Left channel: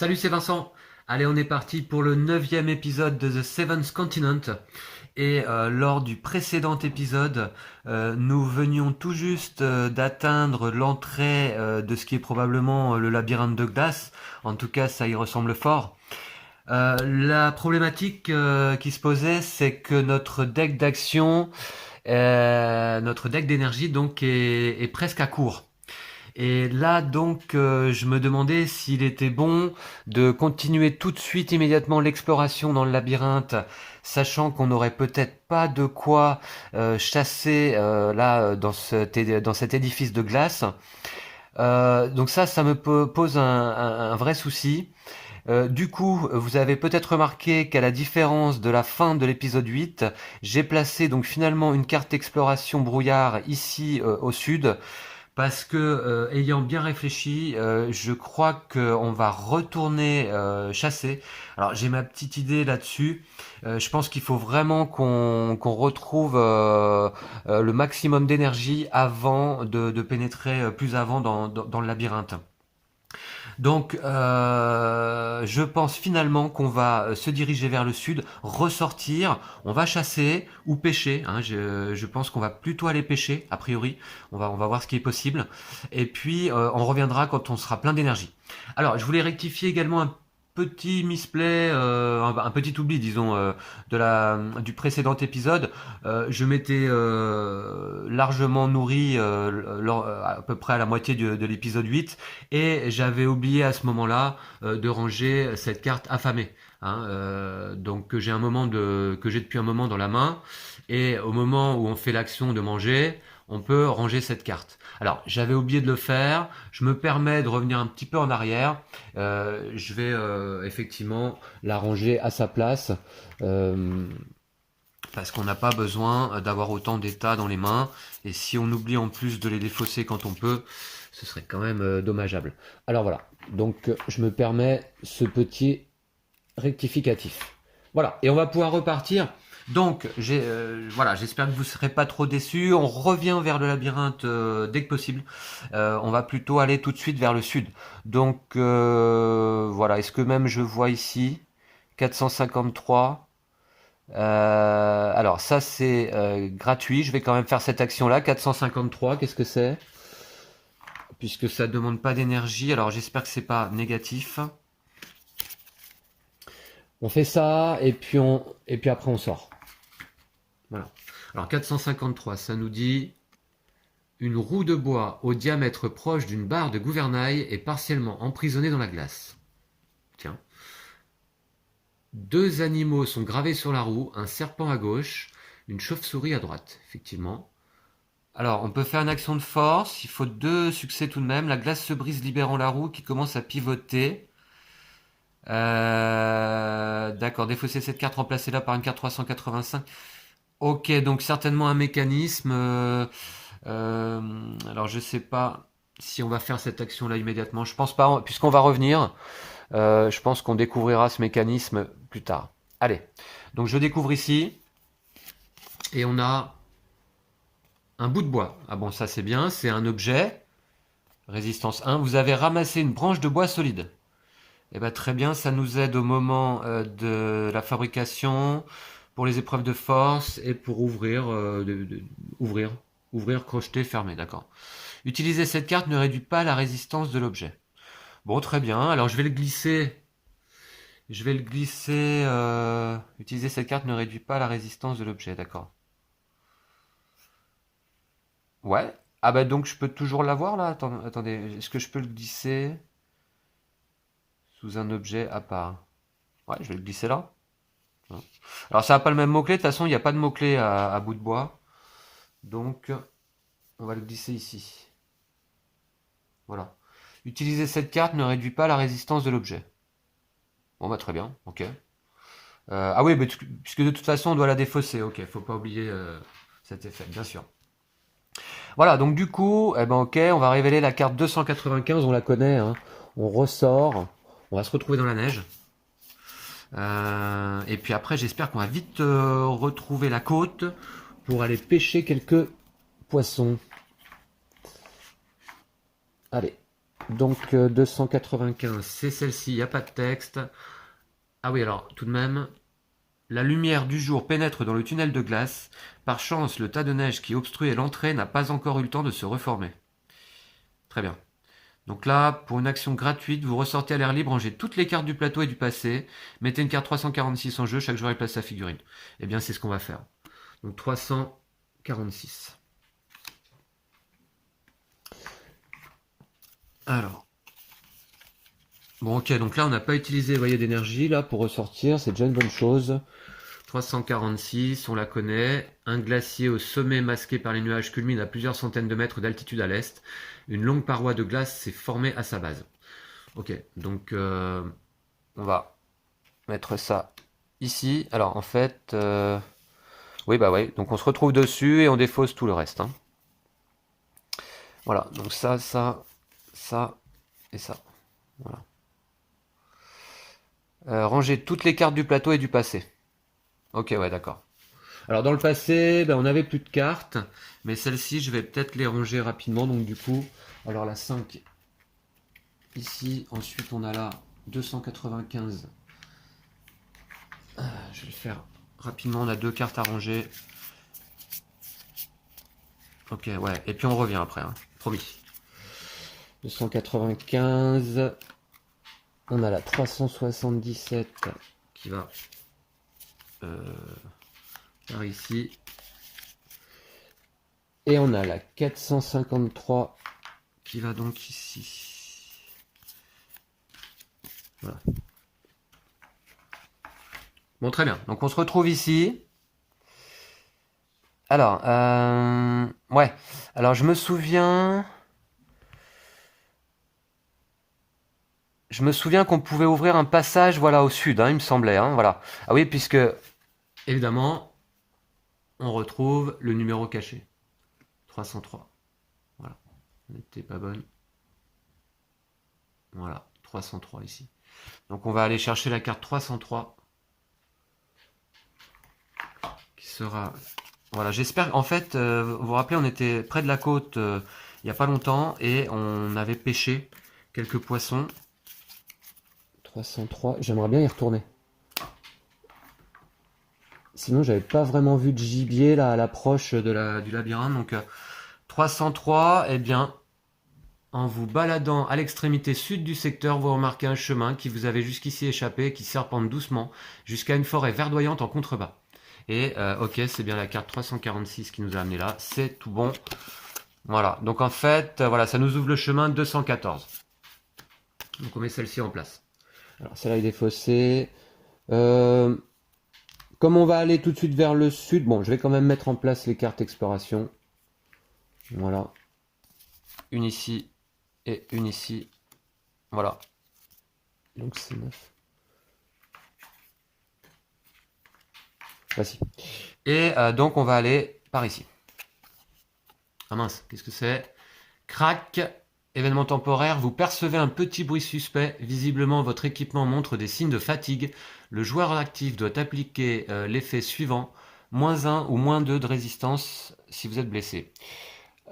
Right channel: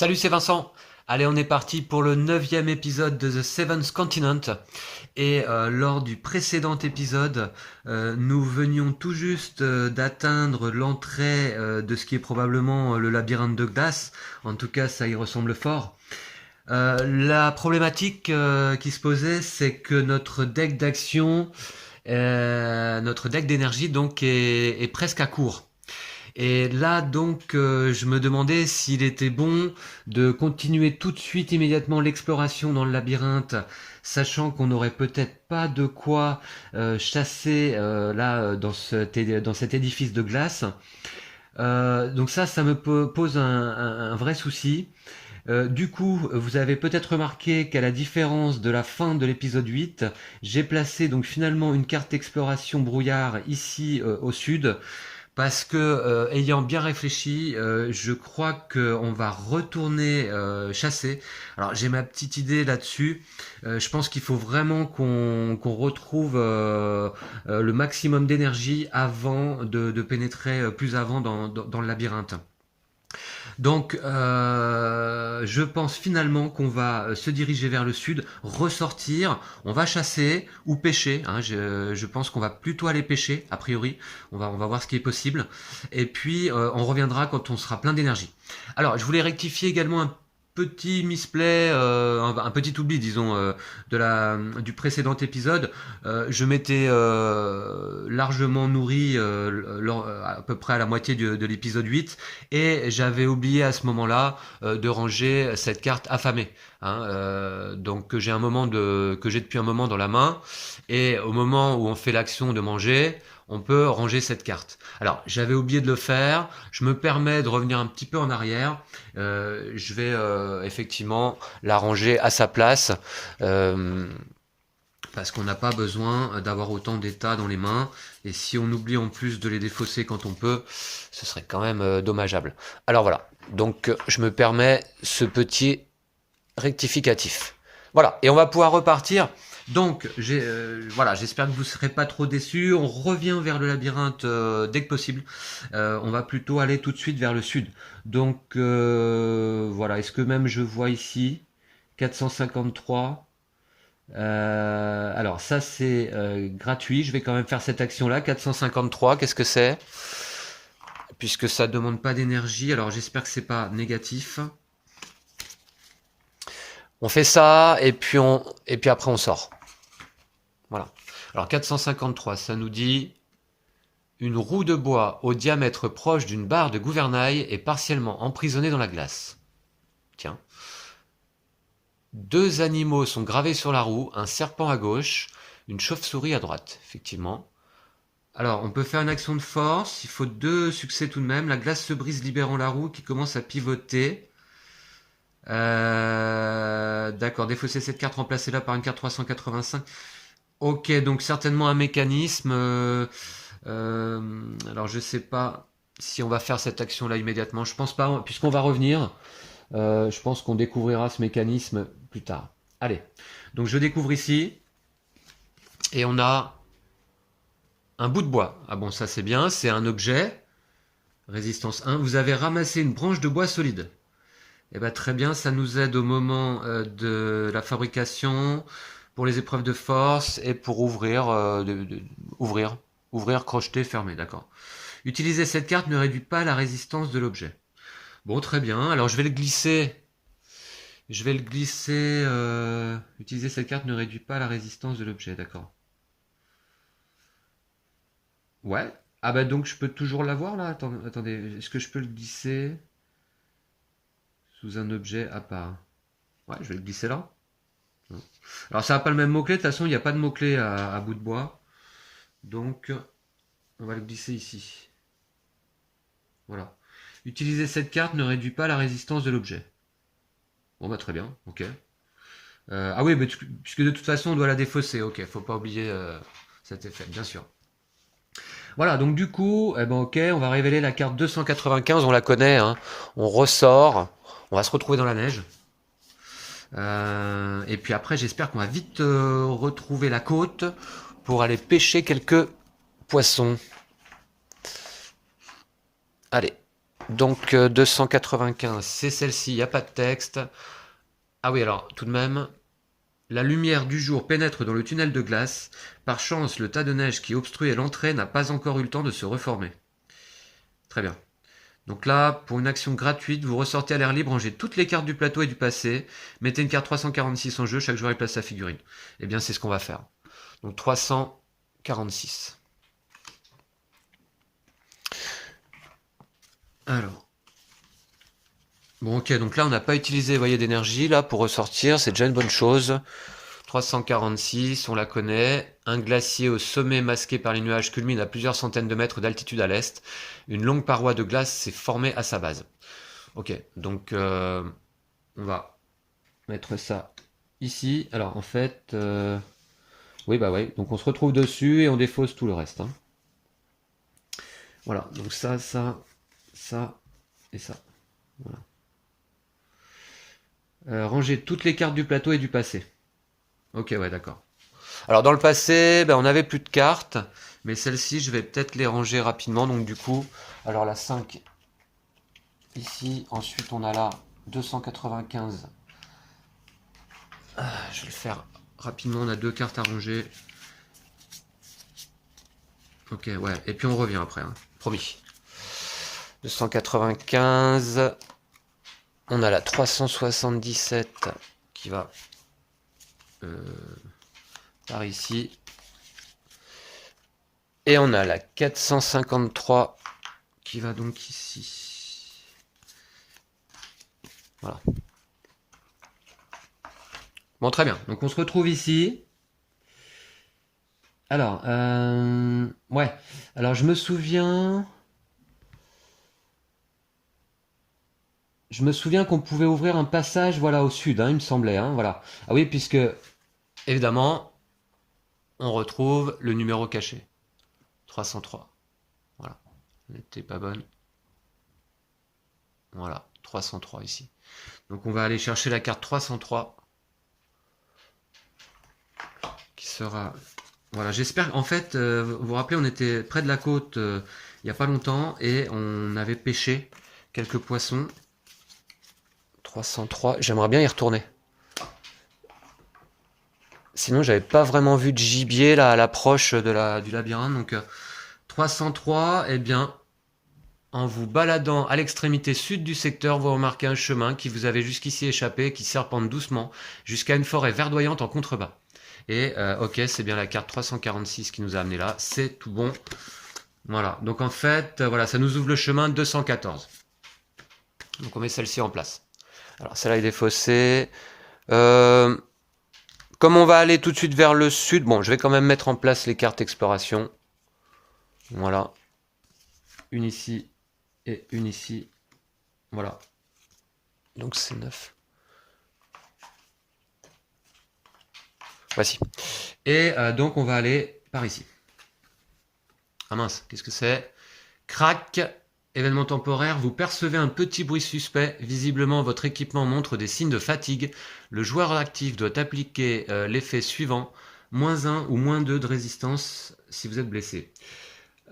Salut, c'est Vincent. Allez, on est parti pour le 9e épisode de The Seventh Continent. Et lors du précédent épisode, nous venions tout juste d'atteindre l'entrée de ce qui est probablement le labyrinthe de glace. En tout cas, ça y ressemble fort. La problématique qui se posait, c'est que notre deck d'action, notre deck d'énergie, donc, est presque à court. Et là, donc, je me demandais s'il était bon de continuer tout de suite, immédiatement, l'exploration dans le labyrinthe, sachant qu'on n'aurait peut-être pas de quoi chasser là dans cet édifice de glace. Donc ça me pose un vrai souci. Du coup, vous avez peut-être remarqué qu'à la différence de la fin de l'épisode 8, j'ai placé donc finalement une carte exploration brouillard ici au sud. Parce que, ayant bien réfléchi, je crois qu'on va retourner chasser. Alors j'ai ma petite idée là-dessus. Je pense qu'il faut vraiment qu'on retrouve le maximum d'énergie avant de pénétrer plus avant dans le labyrinthe. Donc, je pense finalement qu'on va se diriger vers le sud, ressortir, on va chasser ou pêcher. Hein, je pense qu'on va plutôt aller pêcher, a priori. On va voir ce qui est possible. Et puis, on reviendra quand on sera plein d'énergie. Alors, je voulais rectifier également un petit misplay, un petit oubli, disons, du précédent épisode. Je m'étais largement nourri à peu près à la moitié de l'épisode 8 et j'avais oublié à ce moment-là de ranger cette carte affamée. Hein, donc que j'ai depuis un moment dans la main, et au moment où on fait l'action de manger, on peut ranger cette carte. Alors, j'avais oublié de le faire, je me permets de revenir un petit peu en arrière, je vais effectivement la ranger à sa place, parce qu'on n'a pas besoin d'avoir autant d'états dans les mains, et si on oublie en plus de les défausser quand on peut, ce serait quand même dommageable. Alors voilà, donc je me permets ce petit rectificatif. Voilà, et on va pouvoir repartir. Donc, voilà, j'espère que vous ne serez pas trop déçus. On revient vers le labyrinthe dès que possible. On va plutôt aller tout de suite vers le sud. Donc, voilà, est-ce que même je vois ici 453. Alors, ça c'est gratuit. Je vais quand même faire cette action-là. 453, qu'est-ce que c'est? Puisque ça ne demande pas d'énergie. Alors, j'espère que c'est pas négatif. On fait ça et puis après on sort. Voilà. Alors 453, ça nous dit une roue de bois au diamètre proche d'une barre de gouvernail est partiellement emprisonnée dans la glace. Tiens. 2 animaux sont gravés sur la roue, un serpent à gauche, une chauve-souris à droite, effectivement. Alors, on peut faire une action de force, il faut 2 succès tout de même. La glace se brise libérant la roue qui commence à pivoter. D'accord, défausser cette carte, remplacez-la par une carte 385. Ok, donc certainement un mécanisme. Alors je sais pas si on va faire cette action-là immédiatement. Je pense pas, puisqu'on va revenir. Je pense qu'on découvrira ce mécanisme plus tard. Allez, donc je découvre ici. Et on a un bout de bois. Ah bon, ça c'est bien, c'est un objet. Résistance 1. Vous avez ramassé une branche de bois solide. Eh ben, très bien, ça nous aide au moment de la fabrication, pour les épreuves de force et pour ouvrir, crocheter, fermer, d'accord. Utiliser cette carte ne réduit pas la résistance de l'objet. Bon, très bien, alors je vais le glisser. Utiliser cette carte ne réduit pas la résistance de l'objet, d'accord. Ouais. Ah bah donc je peux toujours l'avoir là. Attendez, est-ce que je peux le glisser sous un objet à part? Ouais, je vais le glisser là. Alors ça n'a pas le même mot-clé, de toute façon il n'y a pas de mot-clé à bout de bois. Donc on va le glisser ici. Voilà. Utiliser cette carte ne réduit pas la résistance de l'objet. Bon bah très bien, ok. Ah oui, mais puisque de toute façon on doit la défausser, ok, faut pas oublier cet effet, bien sûr. Voilà, donc du coup, eh ben ok, on va révéler la carte 295, on la connaît, hein. On ressort, on va se retrouver dans la neige. Et puis après, j'espère qu'on va vite retrouver la côte pour aller pêcher quelques poissons. Allez, Donc 295, c'est celle-ci, il n'y a pas de texte. Ah oui, alors tout de même, la lumière du jour pénètre dans le tunnel de glace. Par chance, le tas de neige qui obstruait l'entrée n'a pas encore eu le temps de se reformer. Très bien. Donc là, pour une action gratuite, vous ressortez à l'air libre, rangez toutes les cartes du plateau et du passé, mettez une carte 346 en jeu, chaque joueur y place sa figurine. Eh bien, c'est ce qu'on va faire. Donc 346. Alors. Bon, ok, donc là, on n'a pas utilisé, vous voyez, d'énergie, là, pour ressortir, c'est déjà une bonne chose. 346, on la connaît. Un glacier au sommet masqué par les nuages culmine à plusieurs centaines de mètres d'altitude à l'est. Une longue paroi de glace s'est formée à sa base. Ok, donc on va mettre ça ici. Alors en fait, oui bah oui, donc on se retrouve dessus et on défausse tout le reste. Hein. Voilà, donc ça et ça. Voilà. Ranger toutes les cartes du plateau et du passé. Ok, ouais, d'accord. Alors dans le passé, ben, on n'avait plus de cartes, mais celles-ci, je vais peut-être les ranger rapidement. Donc du coup, alors la 5 ici, ensuite on a la 295. Je vais le faire rapidement, on a 2 cartes à ranger. Ok, ouais, et puis on revient après, hein. Promis. 295. On a la 377 qui va par ici. Et on a la 453 qui va donc ici. Voilà. Bon, très bien. Donc on se retrouve ici. Alors, ouais. Alors je me souviens... Je me souviens qu'on pouvait ouvrir un passage, voilà, au sud, hein, il me semblait, hein, voilà. Ah oui, puisque, évidemment, on retrouve le numéro caché. 303. Voilà. Elle n'était pas bonne. Voilà, 303 ici. Donc on va aller chercher la carte 303. Qui sera... Voilà, j'espère... En fait, vous vous rappelez, on était près de la côte il n'y a pas longtemps et on avait pêché quelques poissons. 303, j'aimerais bien y retourner. Sinon, j'avais pas vraiment vu de gibier là à l'approche du labyrinthe. Donc 303, eh bien, en vous baladant à l'extrémité sud du secteur, vous remarquez un chemin qui vous avait jusqu'ici échappé, qui serpente doucement jusqu'à une forêt verdoyante en contrebas. Et ok, c'est bien la carte 346 qui nous a amené là. C'est tout bon. Voilà. Donc en fait, voilà, ça nous ouvre le chemin 214. Donc on met celle-ci en place. Alors celle-là est défaussée. Comme on va aller tout de suite vers le sud, bon, je vais quand même mettre en place les cartes exploration. Voilà. Une ici et une ici. Voilà. Donc c'est 9. Voici. Et donc on va aller par ici. Ah mince, qu'est-ce que c'est? Crac. Événement temporaire, vous percevez un petit bruit suspect. Visiblement, votre équipement montre des signes de fatigue. Le joueur actif doit appliquer l'effet suivant. -1 ou -2 de résistance si vous êtes blessé.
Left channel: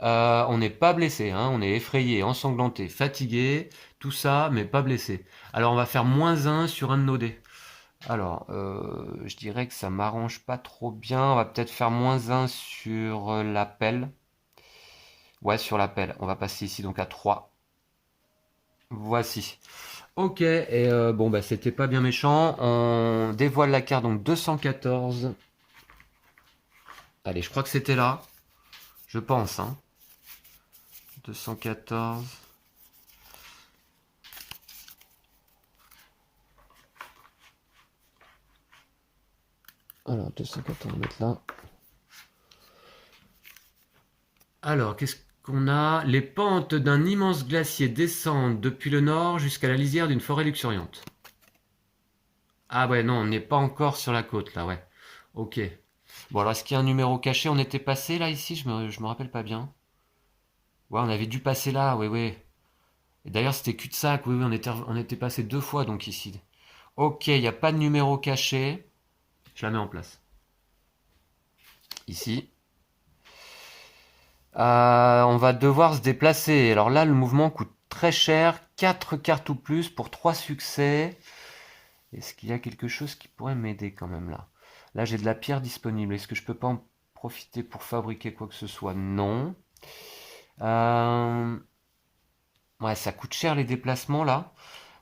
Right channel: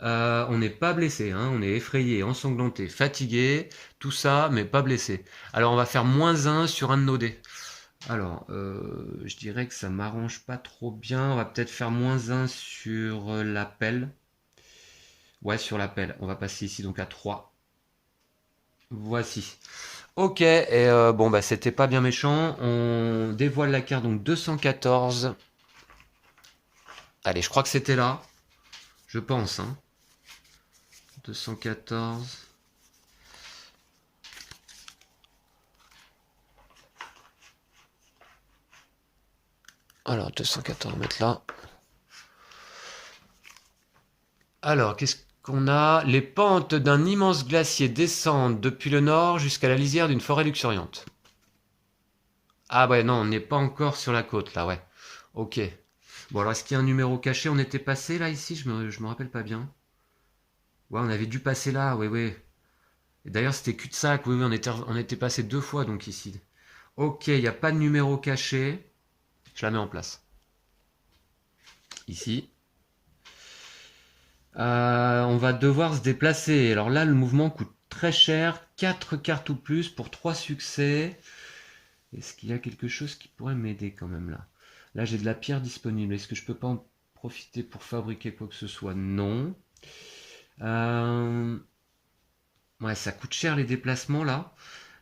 On n'est pas blessé, hein, on est effrayé, ensanglanté, fatigué, tout ça, mais pas blessé. Alors on va faire -1 sur un de nos dés. Alors, je dirais que ça m'arrange pas trop bien. On va peut-être faire -1 sur l'appel. Ouais, sur l'appel. On va passer ici donc à 3. Voici. Ok, et bon, bah c'était pas bien méchant. On dévoile la carte, donc 214. Allez, je crois que c'était là. Je pense, hein. 214. Alors, 214, on va mettre là. Alors, qu'est-ce qu'on a? Les pentes d'un immense glacier descendent depuis le nord jusqu'à la lisière d'une forêt luxuriante. Ah ouais, non, on n'est pas encore sur la côte, là, ouais. Ok. Bon, alors, est-ce qu'il y a un numéro caché? On était passé, là, ici? Je me rappelle pas bien. Ouais, on avait dû passer là, oui, oui. Et d'ailleurs, c'était cul-de-sac, oui, oui, on était passé 2 fois, donc, ici. Ok, il n'y a pas de numéro caché. Je la mets en place. Ici. On va devoir se déplacer. Alors là, le mouvement coûte très cher. 4 cartes ou plus pour 3 succès. Est-ce qu'il y a quelque chose qui pourrait m'aider quand même là? Là, j'ai de la pierre disponible. Est-ce que je peux pas en profiter pour fabriquer quoi que ce soit? Non. Ouais, ça coûte cher les déplacements là.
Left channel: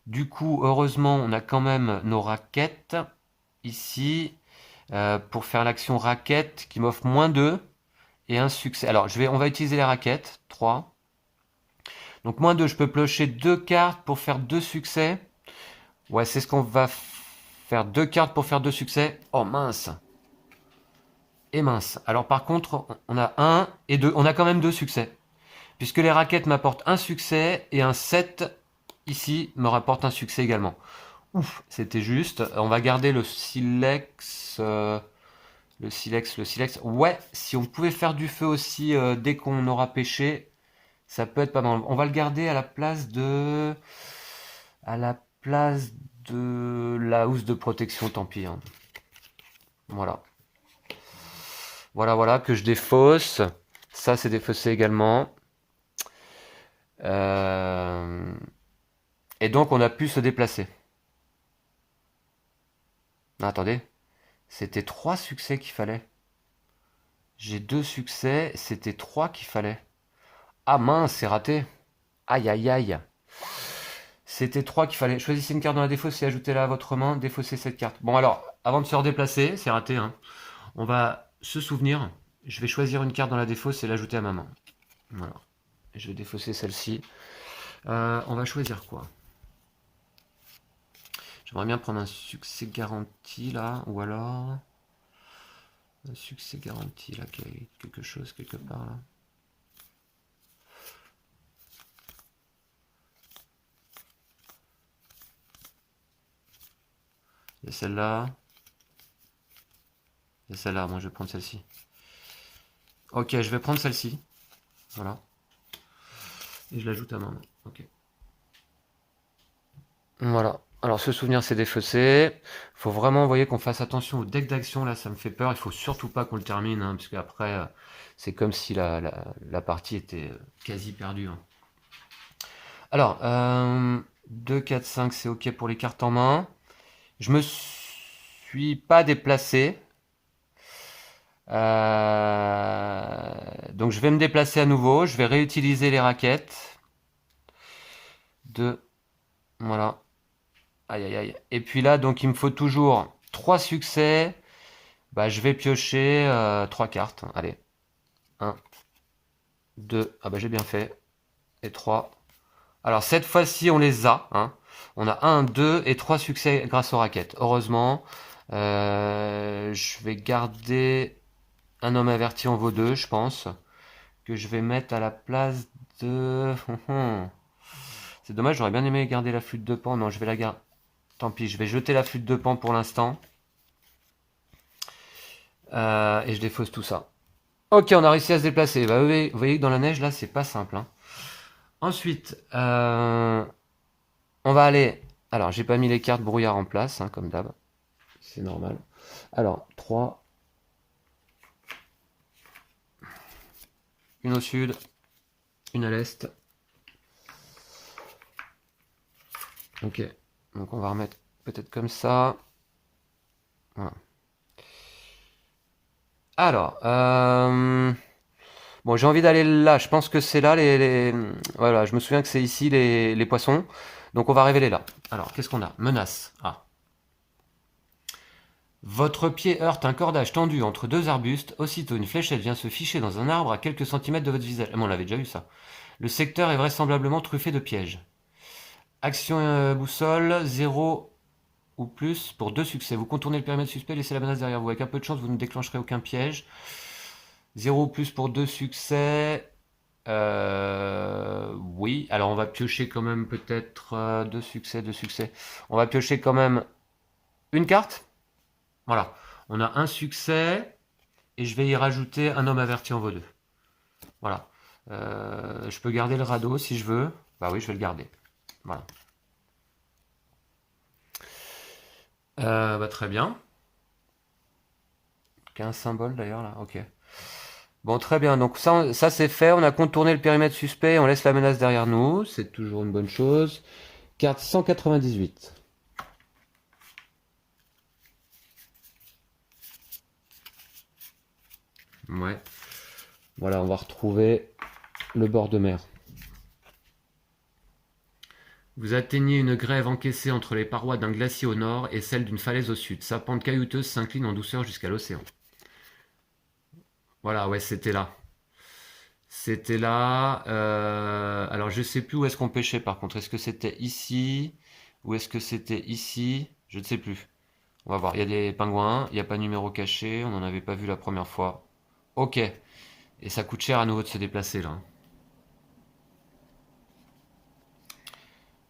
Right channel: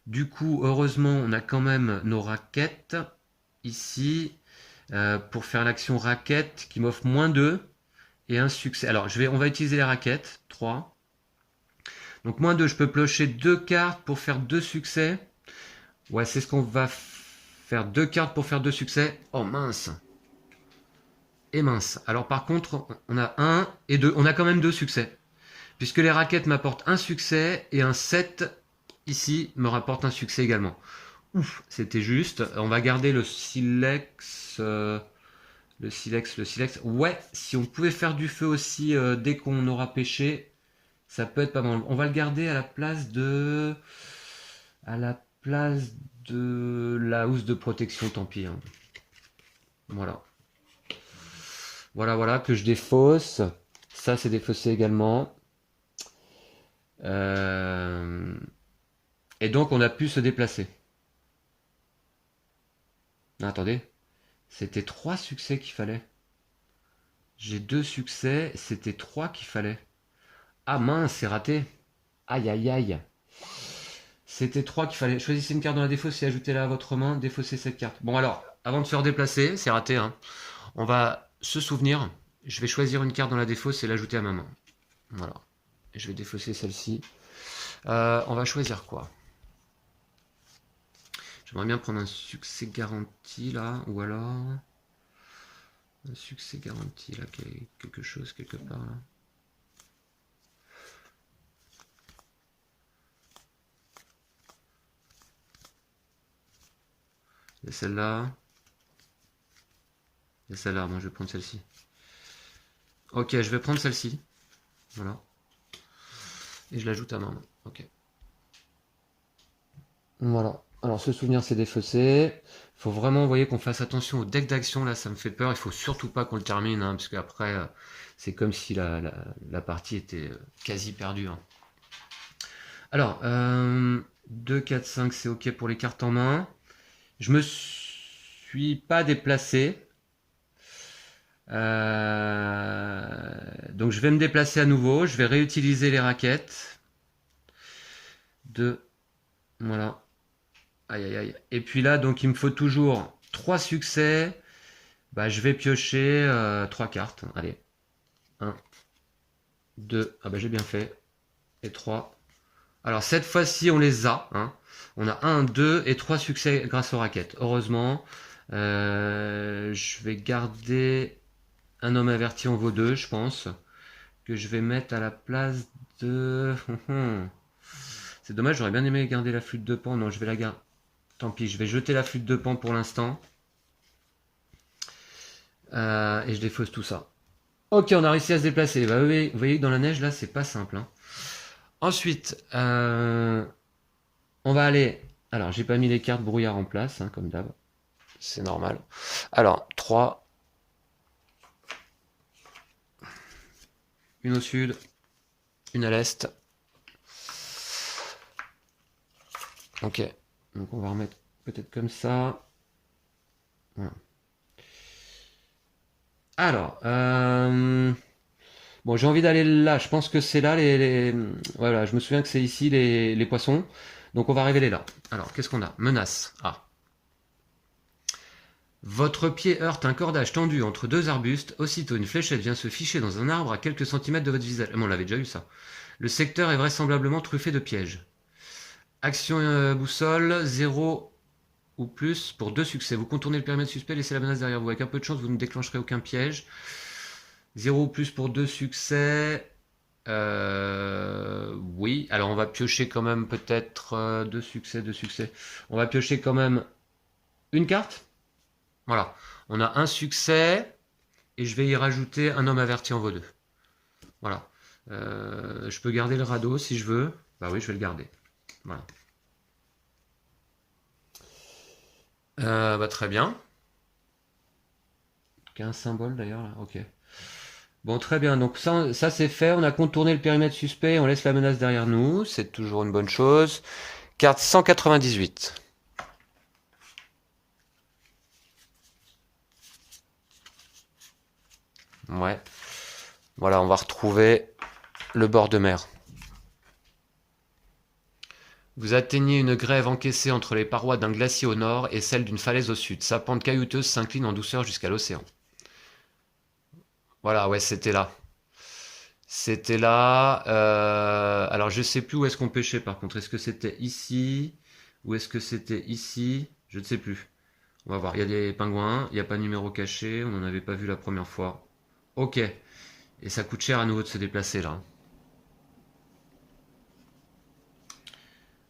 Du coup, heureusement, on a quand même nos raquettes ici pour faire l'action raquette qui m'offre -2 et un succès. Alors, on va utiliser les raquettes. 3. Donc, -2, je peux piocher 2 cartes pour faire 2 succès. Ouais, c'est ce qu'on va faire. 2 cartes pour faire 2 succès. Oh mince. Et mince. Alors, par contre, on a 1 et 2. On a quand même 2 succès. Puisque les raquettes m'apportent un succès et un 7 ici me rapporte un succès également. Ouf, c'était juste. On va garder le silex. Le silex, le silex. Ouais, si on pouvait faire du feu aussi dès qu'on aura pêché, ça peut être pas mal. On va le garder à la place de... À la place de la housse de protection, tant pis. Hein. Voilà. Voilà, que je défausse. Ça, c'est défaussé également. Et donc, on a pu se déplacer. Non, attendez. C'était 3 succès qu'il fallait. J'ai 2 succès, c'était 3 qu'il fallait. Ah mince, c'est raté. Aïe, aïe, aïe. C'était 3 qu'il fallait. Choisissez une carte dans la défausse et ajoutez-la à votre main. Défaussez cette carte. Bon alors, avant de se redéplacer, c'est raté. Hein, on va se souvenir. Je vais choisir une carte dans la défausse et l'ajouter à ma main. Voilà. Et je vais défausser celle-ci. On va choisir quoi? J'aimerais bien prendre un succès garanti là. Ou alors... Un succès garanti là. Quelque chose quelque part là. Il y a celle-là. Il y a celle-là, moi je vais prendre celle-ci. Ok, je vais prendre celle-ci. Voilà. Et je l'ajoute à ma main. Ok. Voilà. Alors ce souvenir c'est défaussé. Faut vraiment, vous voyez, qu'on fasse attention au deck d'action. Là, ça me fait peur. Il faut surtout pas qu'on le termine. Hein, parce qu'après, c'est comme si la partie était quasi perdue. Hein. Alors, 2, 4, 5, c'est ok pour les cartes en main. Je me suis pas déplacé. Donc je vais me déplacer à nouveau. Je vais réutiliser les raquettes. 2. Voilà. Aïe aïe aïe. Et puis là, donc il me faut toujours 3 succès. Bah, je vais piocher 3 cartes. Allez. 1, 2. Ah bah j'ai bien fait. Et 3. Alors cette fois-ci, on les a. Hein. On a 1, 2 et 3 succès grâce aux raquettes. Heureusement. Je vais garder un homme averti en vaut 2, je pense. Que je vais mettre à la place de... C'est dommage, j'aurais bien aimé garder la flûte de pan. Non, je vais la garder. Tant pis, je vais jeter la flûte de pan pour l'instant. Et je défausse tout ça. Ok, on a réussi à se déplacer. Bah, vous voyez que dans la neige, là, c'est pas simple. Hein. Ensuite, on va aller... Alors, j'ai pas mis les cartes brouillard en place, hein, comme d'hab. C'est normal. Alors, 3. Une au sud. Une à l'est. Ok. Donc, on va remettre peut-être comme ça. Voilà. Alors, bon, j'ai envie d'aller là. Je pense que c'est là voilà, je me souviens que c'est ici les poissons. Donc on va révéler là. Alors, qu'est-ce qu'on a? Menace. Ah. Votre pied heurte un cordage tendu entre 2 arbustes. Aussitôt, une fléchette vient se ficher dans un arbre à quelques centimètres de votre visage. Ah, on l'avait déjà eu ça. Le secteur est vraisemblablement truffé de pièges. Action boussole, 0 ou plus pour 2 succès. Vous contournez le périmètre suspect, laissez la menace derrière vous. Avec un peu de chance, vous ne déclencherez aucun piège. 0 ou plus pour 2 succès. Oui, alors on va piocher quand même peut-être 2 succès, 2 succès. On va piocher quand même une carte. Voilà, on a un succès et je vais y rajouter un homme averti en vaut 2. Voilà. Je peux garder le radeau si je veux. Bah oui, je vais le garder. Voilà. Bah très bien. Il y a un symbole d'ailleurs là, ok. Bon, très bien. Donc ça c'est fait. On a contourné le périmètre suspect. On laisse la menace derrière nous. C'est toujours une bonne chose. Carte 198. Ouais. Voilà, on va retrouver le bord de mer. Vous atteignez une grève encaissée entre les parois d'un glacier au nord et celle d'une falaise au sud. Sa pente caillouteuse s'incline en douceur jusqu'à l'océan. Voilà, ouais, c'était là. C'était là. Alors, je sais plus où est-ce qu'on pêchait par contre. Est-ce que c'était ici? Ou est-ce que c'était ici? Je ne sais plus. On va voir. Il y a des pingouins. Il n'y a pas de numéro caché. On n'en avait pas vu la première fois. Ok. Et ça coûte cher à nouveau de se déplacer là.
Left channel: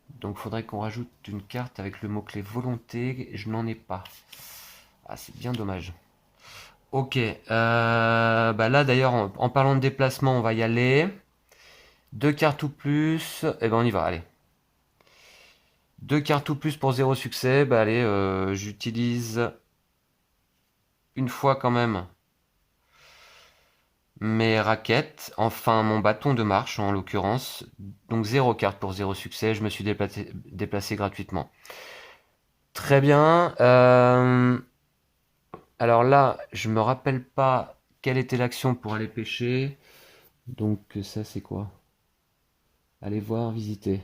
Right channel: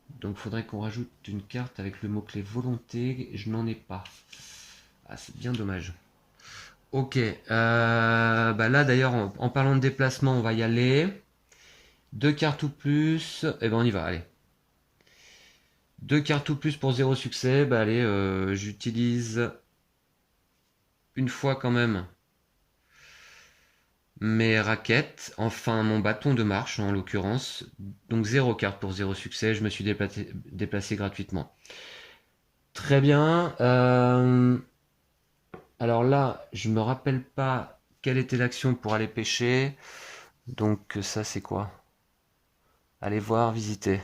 Donc, il faudrait qu'on rajoute une carte avec le mot-clé volonté. Et je n'en ai pas. Ah, c'est bien dommage. Ok. Bah là, d'ailleurs, en parlant de déplacement, on va y aller. Deux cartes ou plus. Et ben, on y va. Allez. Deux cartes ou plus pour 0 succès. Bah allez, j'utilise une fois quand même mes raquettes. Enfin, mon bâton de marche en l'occurrence. Donc 0 carte pour 0 succès. Je me suis déplacé gratuitement. Très bien. Alors là, je me rappelle pas quelle était l'action pour aller pêcher. Donc ça, c'est quoi? Aller voir, visiter.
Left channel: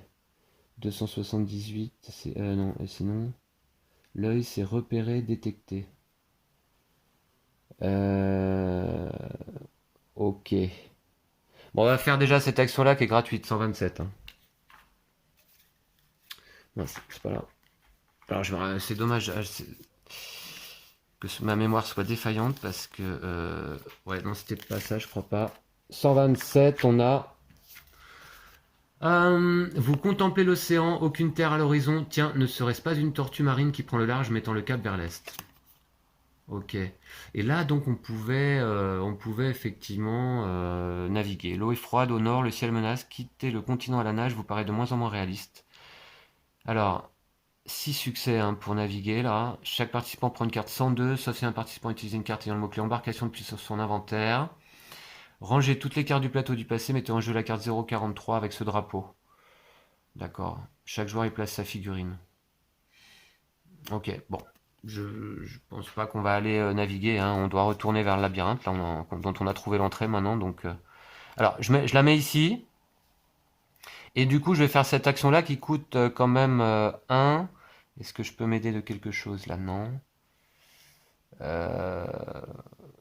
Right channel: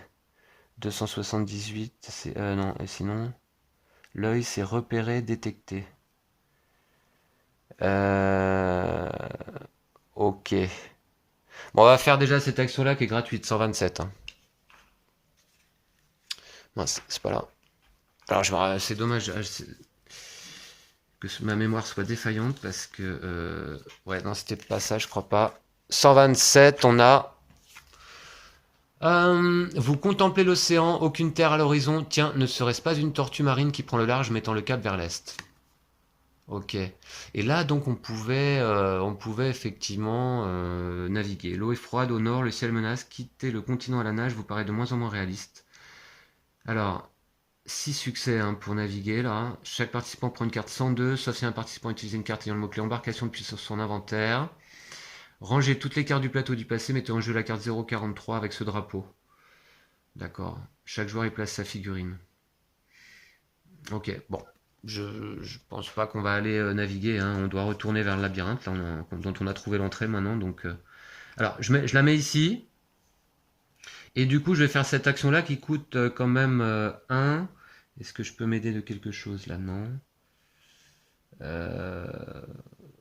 278, c'est... non, et sinon... L'œil, c'est repérer, détecter. Ok. Bon, on va faire déjà cette action-là qui est gratuite, 127. Hein. Non, c'est pas là. Alors, c'est dommage que ma mémoire soit défaillante parce que... ouais, non, c'était pas ça, je crois pas. 127, on a... vous contemplez l'océan, aucune terre à l'horizon. Tiens, ne serait-ce pas une tortue marine qui prend le large mettant le cap vers l'est? Ok. Et là, donc, on pouvait effectivement naviguer. L'eau est froide au nord, le ciel menace. Quitter le continent à la nage vous paraît de moins en moins réaliste. Alors, 6 succès hein, pour naviguer là. Chaque participant prend une carte 102, sauf si un participant utilise une carte ayant le mot-clé embarcation depuis sur son inventaire. Rangez toutes les cartes du plateau du passé, mettez en jeu la carte 043 avec ce drapeau. D'accord. Chaque joueur y place sa figurine. Ok, bon. Je pense pas qu'on va aller naviguer. Hein. On doit retourner vers le labyrinthe, là, dont on a trouvé l'entrée maintenant. Donc, alors, je la mets ici. Et du coup, je vais faire cette action-là qui coûte quand même 1. Est-ce que je peux m'aider de quelque chose là? Non.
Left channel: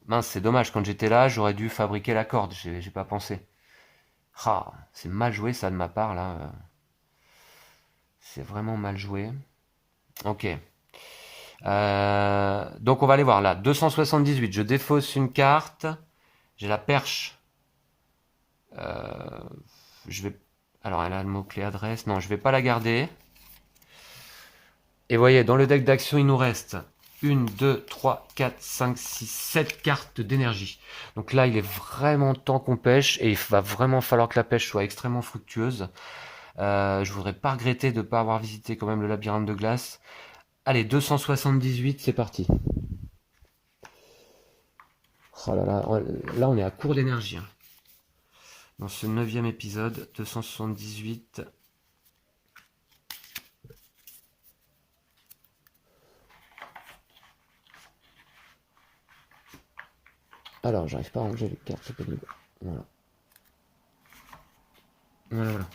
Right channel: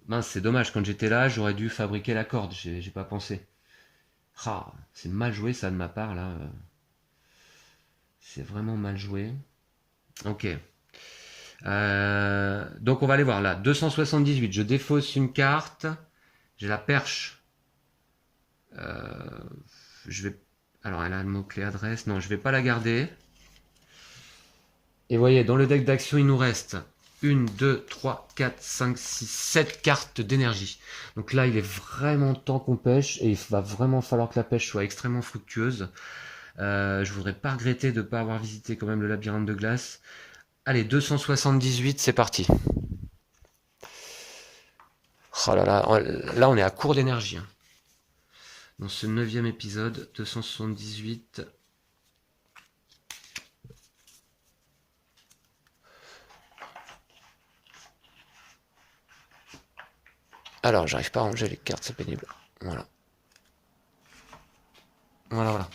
Mince, c'est dommage. Quand j'étais là, j'aurais dû fabriquer la corde. J'ai pas pensé. Ah, c'est mal joué ça de ma part là. C'est vraiment mal joué. Ok. Donc on va aller voir là. 278, je défausse une carte. J'ai la perche. Je vais... Alors elle a le mot-clé adresse. Non, je vais pas la garder. Et vous voyez, dans le deck d'action, il nous reste 1, 2, 3, 4, 5, 6, 7 cartes d'énergie. Donc là, il est vraiment temps qu'on pêche. Et il va vraiment falloir que la pêche soit extrêmement fructueuse. Je voudrais pas regretter de ne pas avoir visité quand même le labyrinthe de glace. Allez, 278, c'est parti. Oh là là, là on est à court d'énergie. Hein. Dans ce 9e épisode, 278. Alors, j'arrive pas à ranger les cartes, c'est pénible. Voilà. Voilà.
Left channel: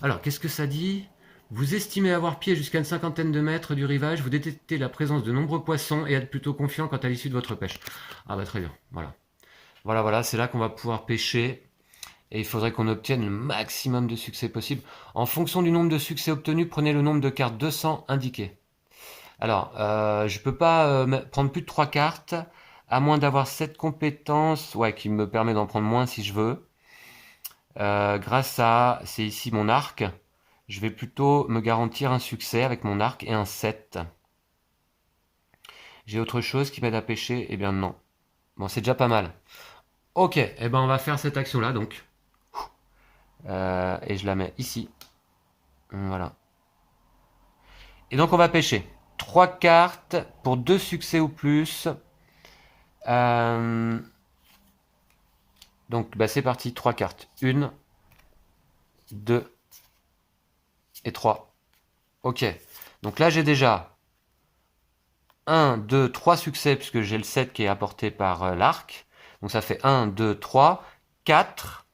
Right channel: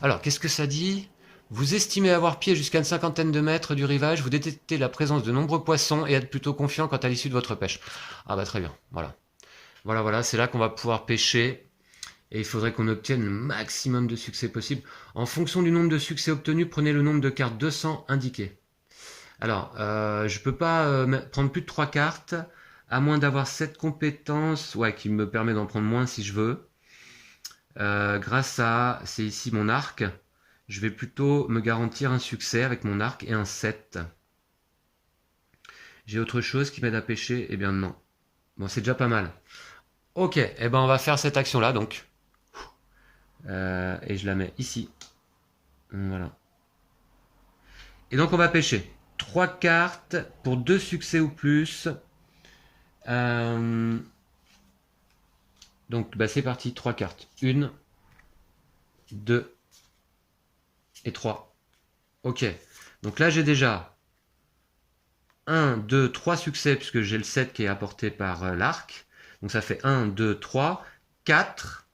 Alors, qu'est-ce que ça dit? Vous estimez avoir pied jusqu'à une cinquantaine de mètres du rivage, vous détectez la présence de nombreux poissons et êtes plutôt confiant quant à l'issue de votre pêche. Ah bah très bien, voilà. Voilà, c'est là qu'on va pouvoir pêcher. Et il faudrait qu'on obtienne le maximum de succès possible. En fonction du nombre de succès obtenus, prenez le nombre de cartes 200 indiquées. Alors, je peux pas prendre plus de 3 cartes, à moins d'avoir cette compétence, ouais, qui me permet d'en prendre moins si je veux. Grâce à, c'est ici mon arc, je vais plutôt me garantir un succès avec mon arc et un 7. J'ai autre chose qui m'aide à pêcher? Eh bien non. Bon, c'est déjà pas mal. Ok, eh ben on va faire cette action-là donc. Et je la mets ici. Voilà. Et donc on va pêcher 3 cartes pour 2 succès ou plus. Donc Donc, bah, c'est parti. 3 cartes. 1, 2 et 3. Ok. Donc là, j'ai déjà 1, 2, 3 succès, puisque j'ai le 7 qui est apporté par l'arc. Donc ça fait 1, 2, 3, 4.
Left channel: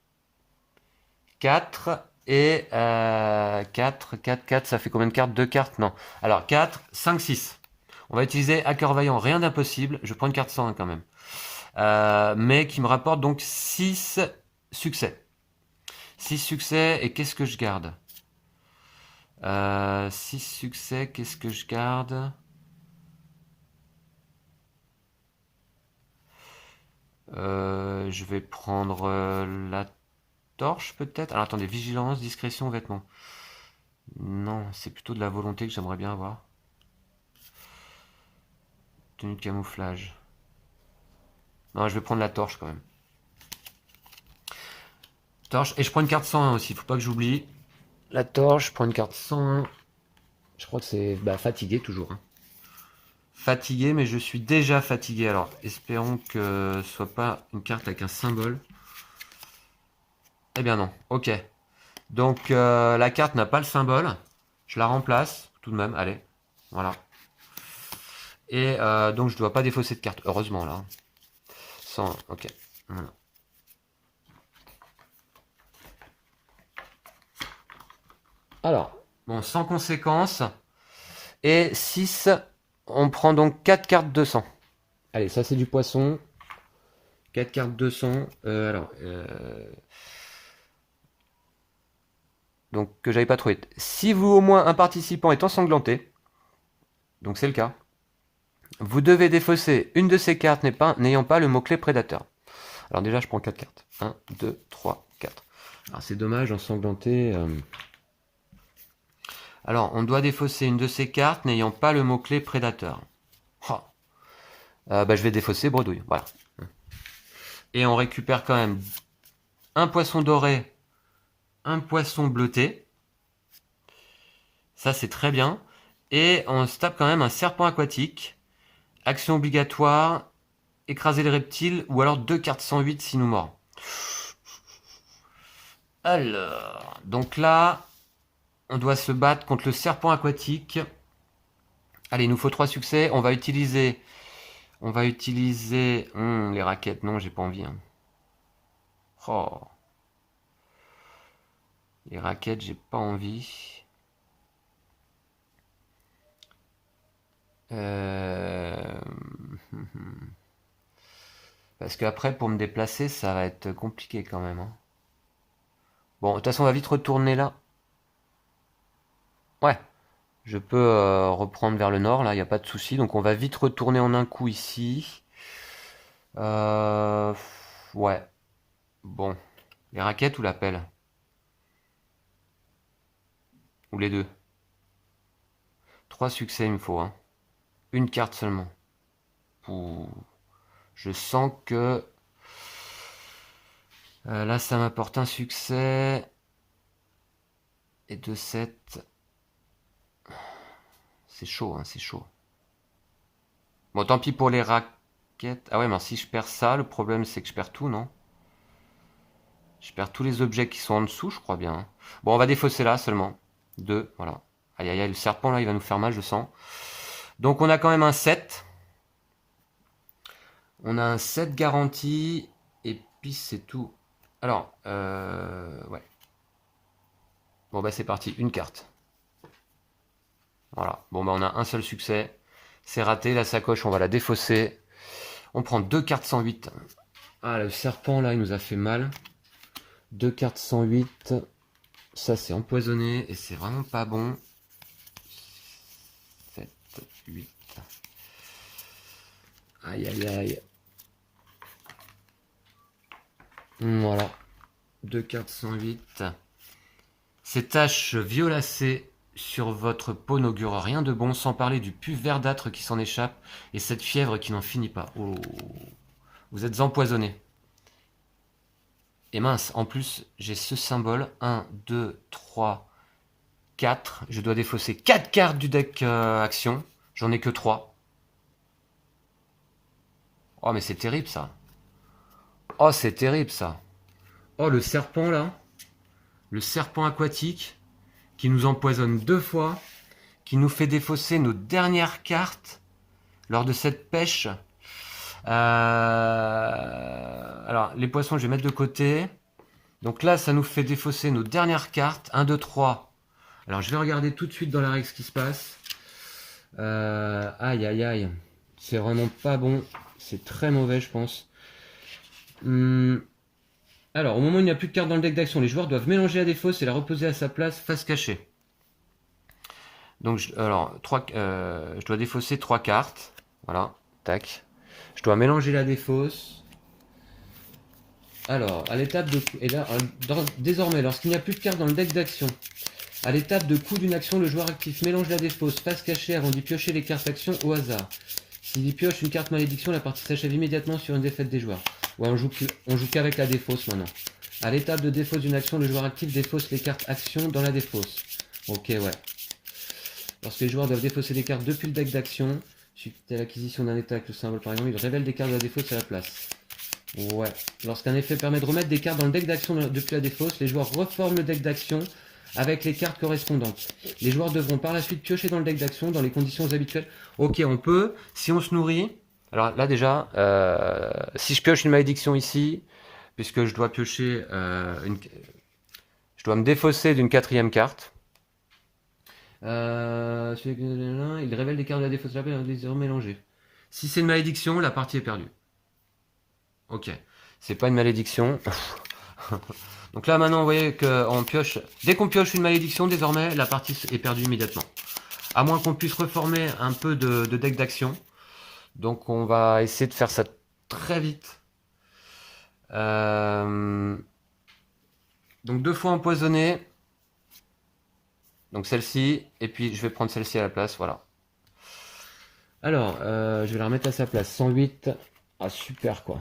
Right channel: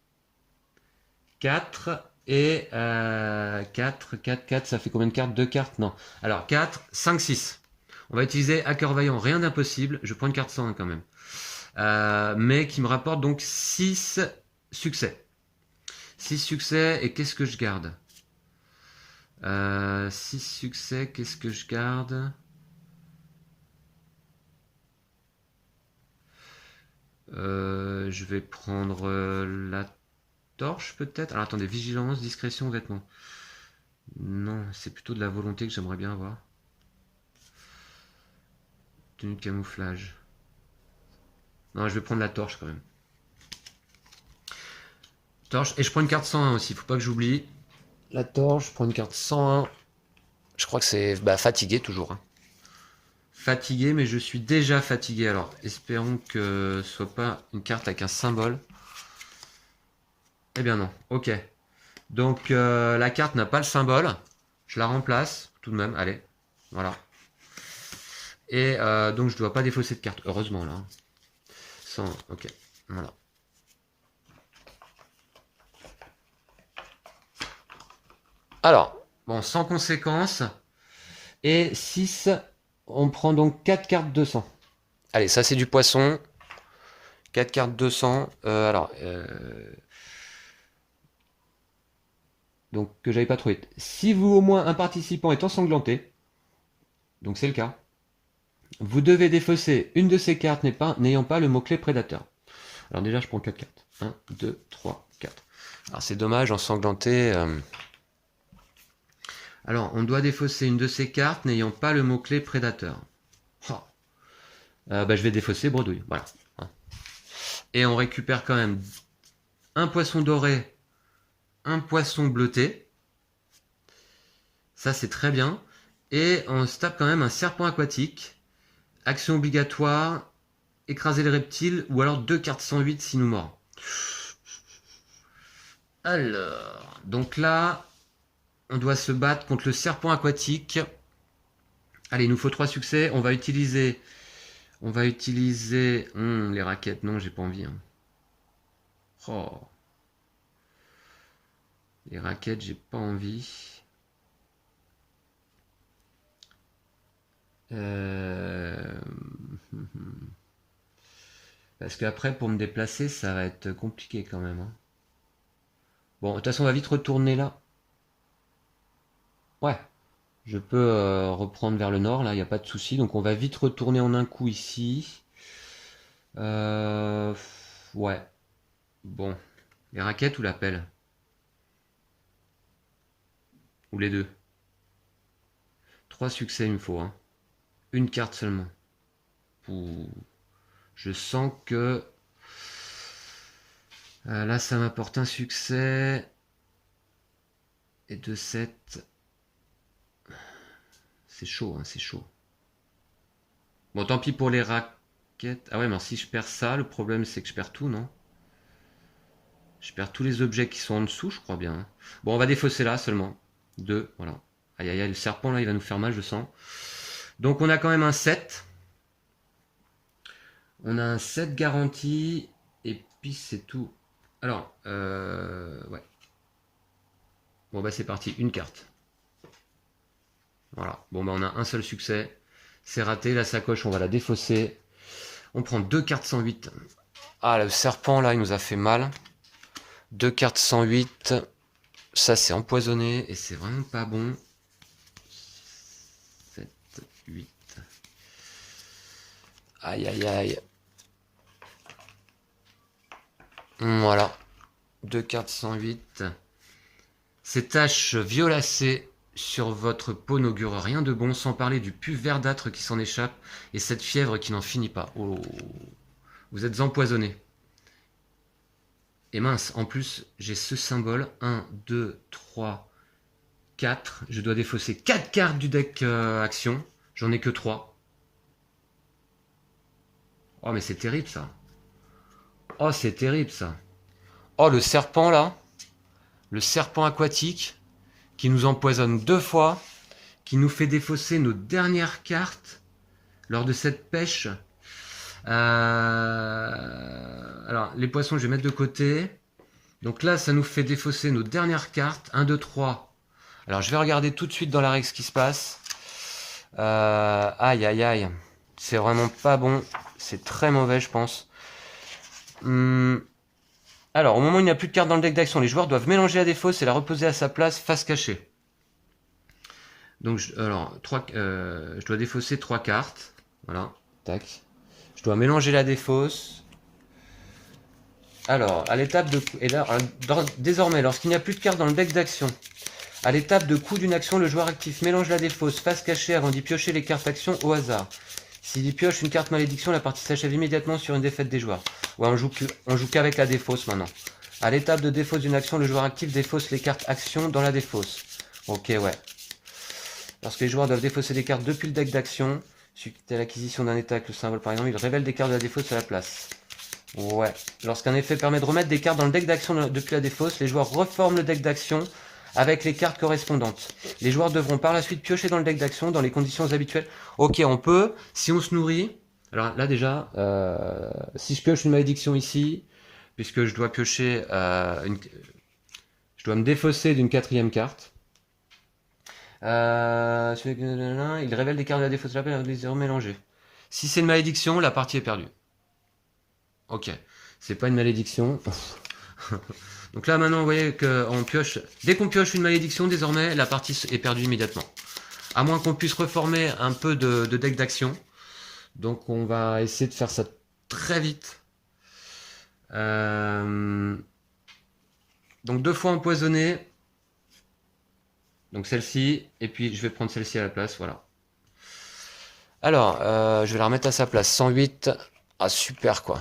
4 et 4, ça fait combien de cartes? 2 cartes? Non. Alors 4, 5, 6. On va utiliser Hacker Vaillant, rien d'impossible. Je prends une carte 101 quand même. Mais qui me rapporte donc 6 succès. 6 succès, et qu'est-ce que je garde? 6 succès, qu'est-ce que je garde? Je vais prendre la torche peut-être. Alors attendez, vigilance, discrétion, vêtements. Non, c'est plutôt de la volonté que j'aimerais bien avoir. Tenue de camouflage. Non, je vais prendre la torche quand même. Torche, et je prends une carte 101 aussi, faut pas que j'oublie. La torche, je prends une carte 101. Je crois que c'est fatigué toujours. Hein. Fatigué, mais je suis déjà fatigué. Alors, espérons que ce soit pas une carte avec un symbole. Eh bien non, ok. Donc, la carte n'a pas le symbole. Je la remplace, tout de même, allez. Voilà. Et donc, je ne dois pas défausser de carte, heureusement, là. 100, ok, voilà. Alors, bon, sans conséquence. Et 6, on prend donc 4 cartes 200. Allez, ça c'est du poisson. 4 cartes 200. Donc, que j'avais pas trouvé. Si vous, au moins, un participant est ensanglanté, donc c'est le cas, vous devez défausser une de ces cartes n'ayant pas le mot-clé prédateur. Alors déjà, je prends 4 cartes. 1, 2, 3, 4. Alors c'est dommage, ensanglanté. Alors, on doit défausser une de ces cartes n'ayant pas le mot-clé prédateur. Oh. Je vais défausser bredouille. Voilà. Et on récupère quand même un poisson doré, un poisson bleuté. Ça, c'est très bien. Et on se tape quand même un serpent aquatique. Action obligatoire, écraser les reptiles, ou alors 2 cartes 108 si nous mord. Alors, donc là, on doit se battre contre le serpent aquatique. Allez, il nous faut 3 succès. On va utiliser les raquettes. Non, j'ai pas envie. Hein. Oh. Les raquettes, j'ai pas envie. Parce qu'après, pour me déplacer, ça va être compliqué quand même. Hein. Bon, de toute façon, on va vite retourner là. Ouais. Je peux reprendre vers le nord, là, il n'y a pas de souci. Donc on va vite retourner en un coup ici. Ouais. Bon. Les raquettes ou la pelle? Ou les deux? 3 succès, il me faut. Hein. Une carte seulement. Ouh. Je sens que... là, ça m'apporte un succès. Et 2-7. C'est chaud, hein, c'est chaud. Bon, tant pis pour les raquettes. Ah ouais, mais si je perds ça, le problème c'est que je perds tout, non? Je perds tous les objets qui sont en dessous, je crois bien. Hein. Bon, on va défausser là seulement. 2, voilà. Aïe aïe aïe, le serpent là, il va nous faire mal, je sens. Donc on a quand même un 7. On a un 7 garanti. Et puis c'est tout. Alors, ouais. Bon bah c'est parti, une carte. Voilà. Bon bah on a un seul succès. C'est raté, la sacoche, on va la défausser. On prend 2 cartes 108. Ah, le serpent là, il nous a fait mal. 2 cartes 108. Ça, c'est empoisonné et c'est vraiment pas bon. 7, 8. Aïe, aïe, aïe. Voilà. 2 cartes 108. Ces taches violacées sur votre peau n'augurent rien de bon, sans parler du pus verdâtre qui s'en échappe et cette fièvre qui n'en finit pas. Oh, vous êtes empoisonné. Et mince, en plus, j'ai ce symbole. 1, 2, 3, 4. Je dois défausser 4 cartes du deck action. J'en ai que 3. Oh, mais c'est terrible, ça. Oh, c'est terrible, ça. Oh, le serpent là. Le serpent aquatique qui nous empoisonne 2 fois, qui nous fait défausser nos dernières cartes lors de cette pêche. Alors, les poissons, je vais mettre de côté. Donc là, ça nous fait défausser nos dernières cartes. 1, 2, 3. Alors, je vais regarder tout de suite dans la règle ce qui se passe. Aïe, aïe, aïe. C'est vraiment pas bon. C'est très mauvais, je pense. Alors, au moment où il n'y a plus de cartes dans le deck d'action, les joueurs doivent mélanger la défausse et la reposer à sa place face cachée. Donc, je dois défausser 3 cartes. Voilà, tac. Je dois mélanger la défausse. Alors, à l'étape de... Et là, désormais, lorsqu'il n'y a plus de cartes dans le deck d'action, à l'étape de coup d'une action, le joueur actif mélange la défausse face cachée avant d'y piocher les cartes action au hasard. S'il y pioche une carte malédiction, la partie s'achève immédiatement sur une défaite des joueurs. Ouais, on joue qu'avec la défausse maintenant. À l'étape de défausse d'une action, le joueur actif défausse les cartes action dans la défausse. Ok, ouais. Lorsque les joueurs doivent défausser des cartes depuis le deck d'action, suite à l'acquisition d'un état avec le symbole par exemple, ils révèlent des cartes de la défausse à la place. Ouais. Lorsqu'un effet permet de remettre des cartes dans le deck d'action depuis la défausse, les joueurs reforment le deck d'action avec les cartes correspondantes. Les joueurs devront par la suite piocher dans le deck d'action dans les conditions habituelles. Ok, on peut, si on se nourrit. Alors là déjà, si je pioche une malédiction ici, puisque je dois piocher je dois me défausser d'une 4e carte. Il révèle des cartes de la défausse de la paix et les remélanger. Si c'est une malédiction, la partie est perdue. Ok, c'est pas une malédiction. Donc là maintenant, vous voyez qu'on pioche. Dès qu'on pioche une malédiction, désormais, la partie est perdue immédiatement. À moins qu'on puisse reformer un peu de deck d'action. Donc on va essayer de faire ça très vite. Donc 2 fois empoisonné. Donc celle-ci, et puis je vais prendre celle-ci à la place, voilà. Alors, je vais la remettre à sa place, 108. Ah super quoi.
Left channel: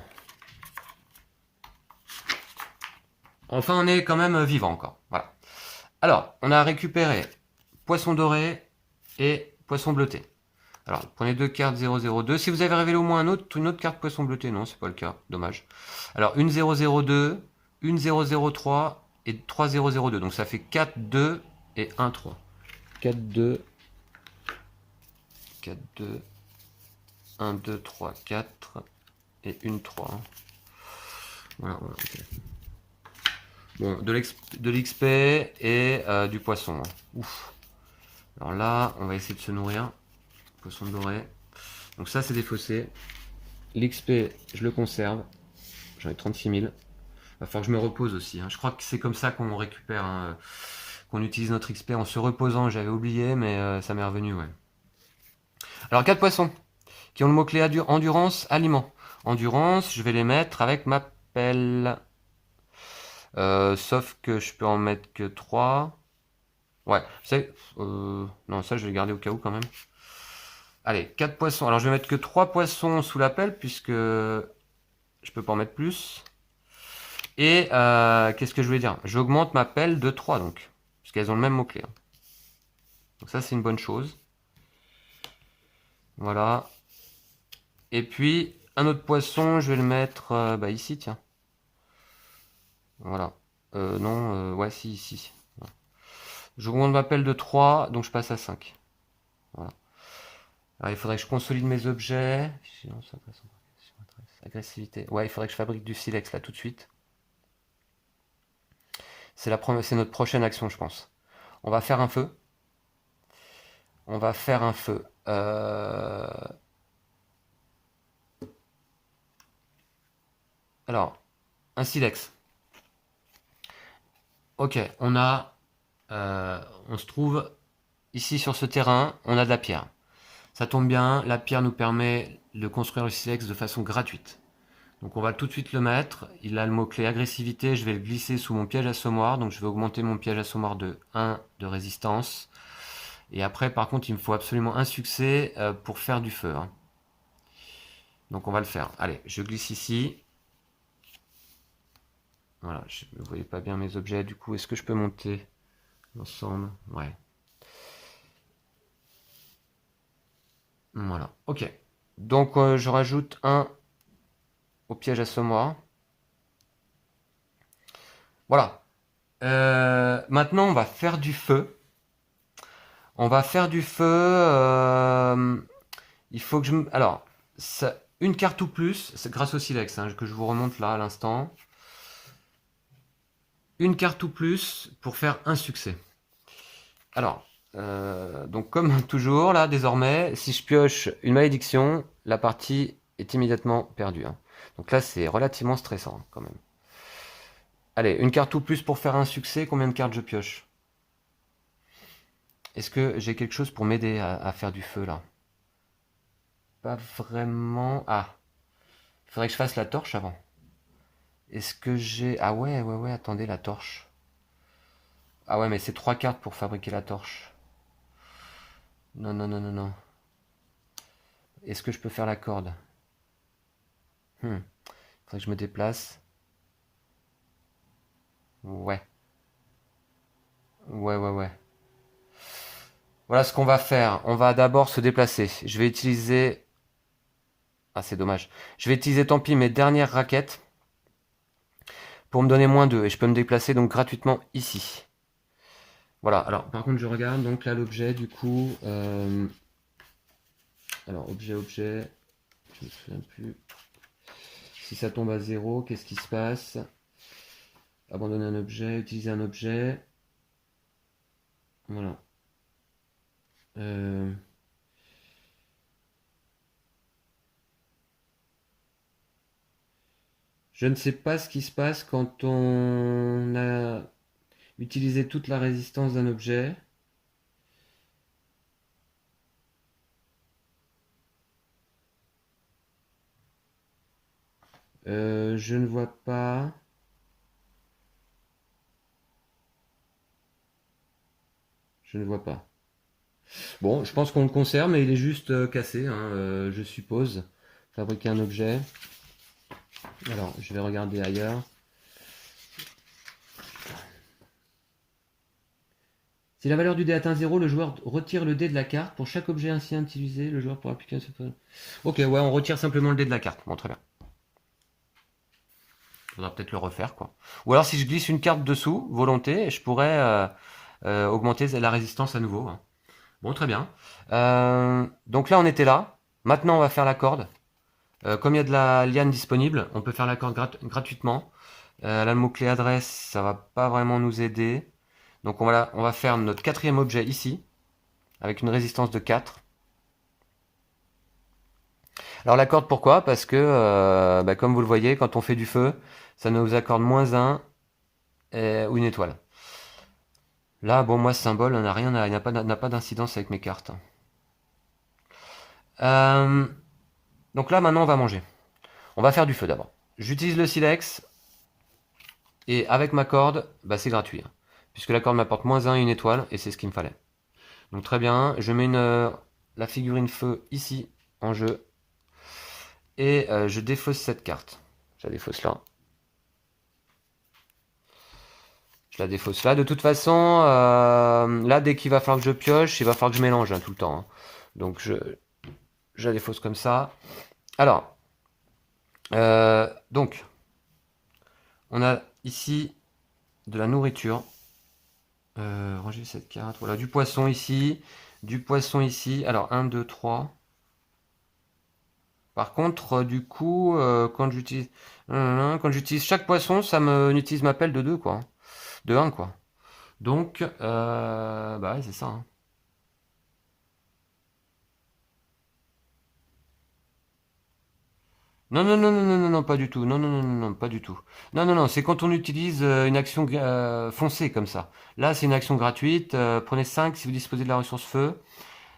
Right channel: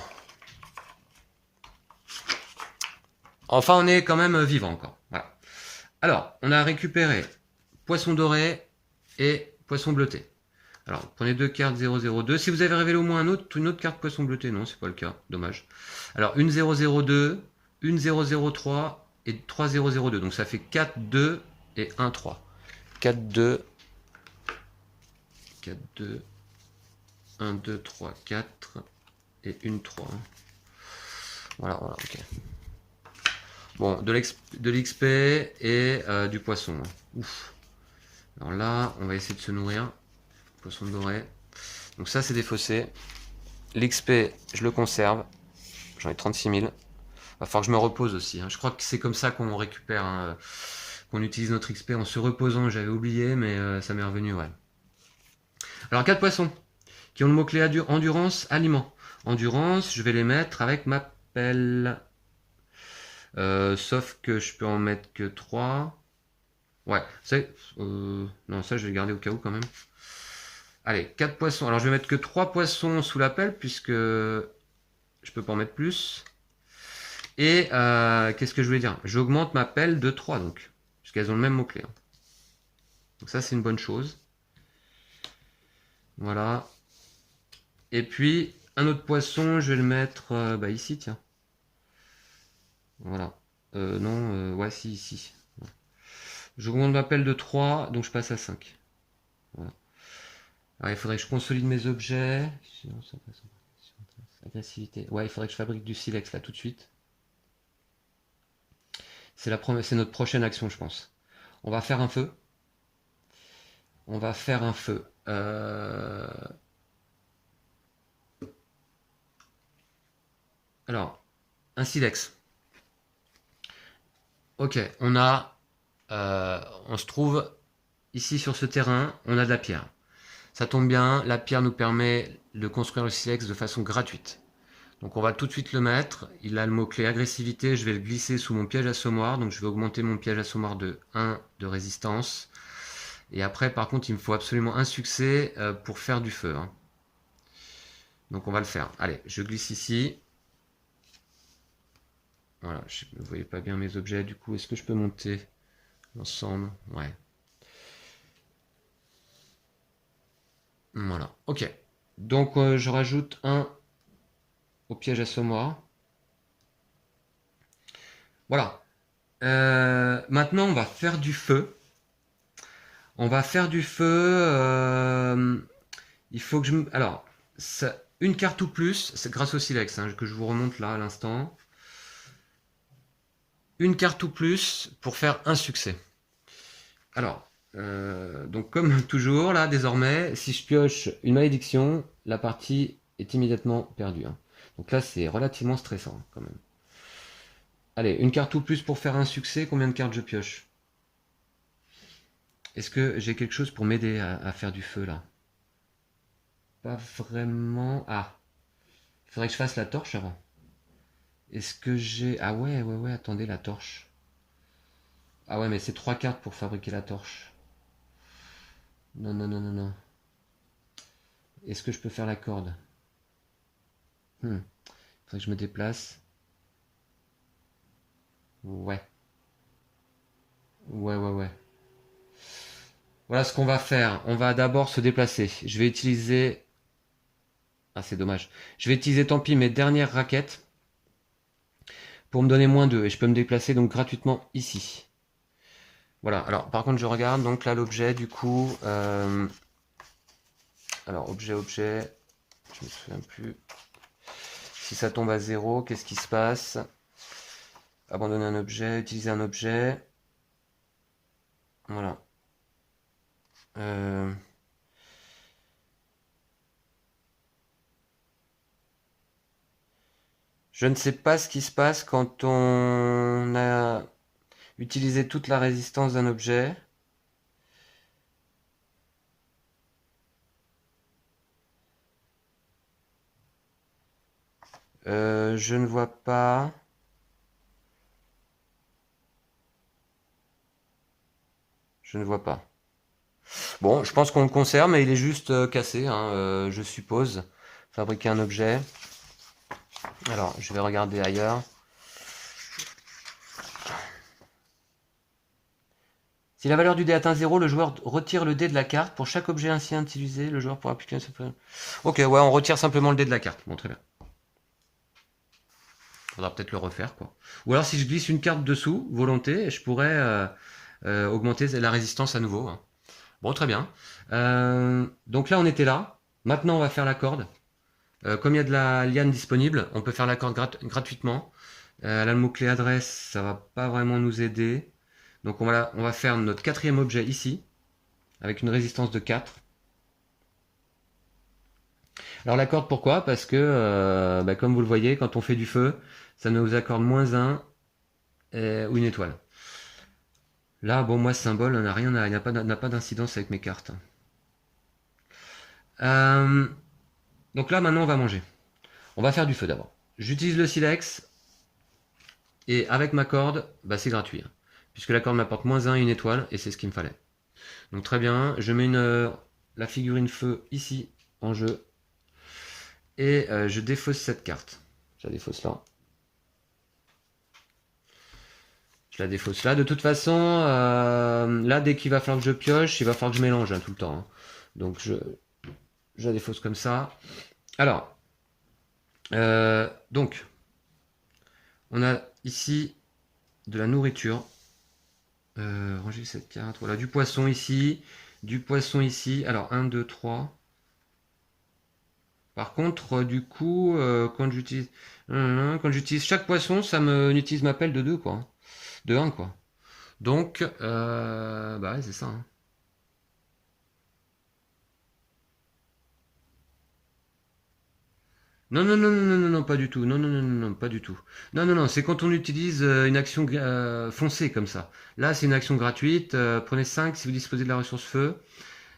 Enfin on est quand même vivant encore, voilà. Alors, on a récupéré poisson doré et poisson bleuté. Alors, prenez 2 cartes 002. Si vous avez révélé au moins une autre carte poisson bleuté, non, c'est pas le cas, dommage. Alors, une 002, une 003 et 3002. Donc ça fait 4, 2 et 1, 3. 4, 2, 4, 2, 1, 2, 3, 4 et une 3. Voilà, voilà, ok. Bon, de l'XP et du poisson. Ouf. Alors là, on va essayer de se nourrir. Poisson doré. Donc ça, c'est défaussé. L'XP, je le conserve. J'en ai 36 000. Va falloir que je me repose aussi. Hein. Je crois que c'est comme ça qu'on récupère, hein, qu'on utilise notre XP en se reposant. J'avais oublié, mais ça m'est revenu, ouais. Alors, 4 poissons qui ont le mot-clé endurance, aliment. Endurance, je vais les mettre avec ma pelle. Sauf que je peux en mettre que 3. Ouais, non, ça je vais le garder au cas où quand même. Allez, 4 poissons. Alors je vais mettre que 3 poissons sous la pelle puisque je peux pas en mettre plus. Et qu'est-ce que je voulais dire? J'augmente ma pelle de 3 donc. Puisqu'elles ont le même mot-clé. Hein. Donc ça c'est une bonne chose. Voilà. Et puis un autre poisson, je vais le mettre ici, tiens. Voilà. Ouais, si, ici. Voilà. J'augmente ma pelle de 3, donc je passe à 5. Voilà. Alors, il faudrait que je consolide mes objets. Agressivité. Ouais, il faudrait que je fabrique du silex là tout de suite. C'est notre prochaine action, je pense. On va faire un feu. On va faire un feu. Alors, un silex. Ok, on se trouve ici sur ce terrain, on a de la pierre. Ça tombe bien, la pierre nous permet de construire le silex de façon gratuite. Donc on va tout de suite le mettre. Il a le mot-clé agressivité, je vais le glisser sous mon piège assommoir. Donc je vais augmenter mon piège assommoir de 1 de résistance. Et après, par contre, il me faut absolument un succès pour faire du feu. Hein. Donc on va le faire. Allez, je glisse ici. Voilà, vous ne voyez pas bien mes objets. Du coup, est-ce que je peux monter l'ensemble? Ouais. Voilà, ok. Donc je rajoute un au piège assommoir. Voilà. Maintenant, on va faire du feu. On va faire du feu. Il faut que je... Alors, une carte ou plus, c'est grâce au silex hein, que je vous remonte là à l'instant. Une carte ou plus pour faire un succès. Alors, donc comme toujours, là, désormais, si je pioche une malédiction, la partie est immédiatement perdue. Hein. Donc là, c'est relativement stressant, quand même. Allez, une carte ou plus pour faire un succès, combien de cartes je pioche? Est-ce que j'ai quelque chose pour m'aider à faire du feu, là? Pas vraiment... Ah, il faudrait que je fasse la torche avant. Est-ce que j'ai... Ah ouais, attendez, la torche. Ah ouais, mais c'est 3 cartes pour fabriquer la torche. Non. Est-ce que je peux faire la corde? Faudrait que je me déplace. Ouais. Ouais. Voilà ce qu'on va faire. On va d'abord se déplacer. Je vais utiliser... Ah, c'est dommage. Je vais utiliser, tant pis, mes dernières raquettes pour me donner -2. Et je peux me déplacer donc gratuitement ici. Voilà. Alors, par contre, je regarde. Donc là, l'objet, du coup... Alors, objet. Je me souviens plus. Si ça tombe à 0, qu'est-ce qui se passe? Abandonner un objet, utiliser un objet. Voilà. Je ne sais pas ce qui se passe quand on a utilisé toute la résistance d'un objet. Je ne vois pas. Je ne vois pas. Bon, je pense qu'on le conserve, mais il est juste cassé, hein, je suppose. Fabriquer un objet. Alors, je vais regarder ailleurs. Si la valeur du dé atteint 0, le joueur retire le dé de la carte. Pour chaque objet ainsi utilisé, le joueur pourra appliquer un super... Ok, ouais, on retire simplement le dé de la carte. Bon, très bien. Faudra peut-être le refaire, quoi. Ou alors, si je glisse une carte dessous, volonté, je pourrais augmenter la résistance à nouveau. Hein. Bon, très bien. Donc là, on était là. Maintenant, on va faire la corde. Comme il y a de la liane disponible, on peut faire la corde gratuitement. Là, le mot-clé adresse, ça va pas vraiment nous aider. Donc on va faire notre 4e objet ici, avec une résistance de 4. Alors la corde, pourquoi? Parce que, comme vous le voyez, quand on fait du feu, ça nous accorde -1 ou une étoile. Là, bon, moi, ce symbole n'a rien, n'a pas d'incidence avec mes cartes. Donc là, maintenant, on va manger. On va faire du feu d'abord. J'utilise le silex, et avec ma corde, bah, c'est gratuit. Hein, puisque la corde m'apporte -1 et une étoile, et c'est ce qu'il me fallait. Donc très bien, je mets la figurine feu ici, en jeu. Et je défausse cette carte. Je la défausse là. Je la défausse là. De toute façon, là, dès qu'il va falloir que je pioche, il va falloir que je mélange hein, tout le temps. Hein. Donc je la défausse comme ça. Alors, donc, on a ici de la nourriture. Ranger cette carte. Voilà, du poisson ici. Du poisson ici. Alors, 1, 2, 3. Par contre, du coup, quand j'utilise chaque poisson, ça me utilise ma pelle de 2, quoi. De 1, quoi. Donc, bah ouais, c'est ça. Hein. Non, pas du tout. Non, pas du tout. Non, c'est quand on utilise une action foncée comme ça. Là, c'est une action gratuite. Prenez 5 si vous disposez de la ressource feu.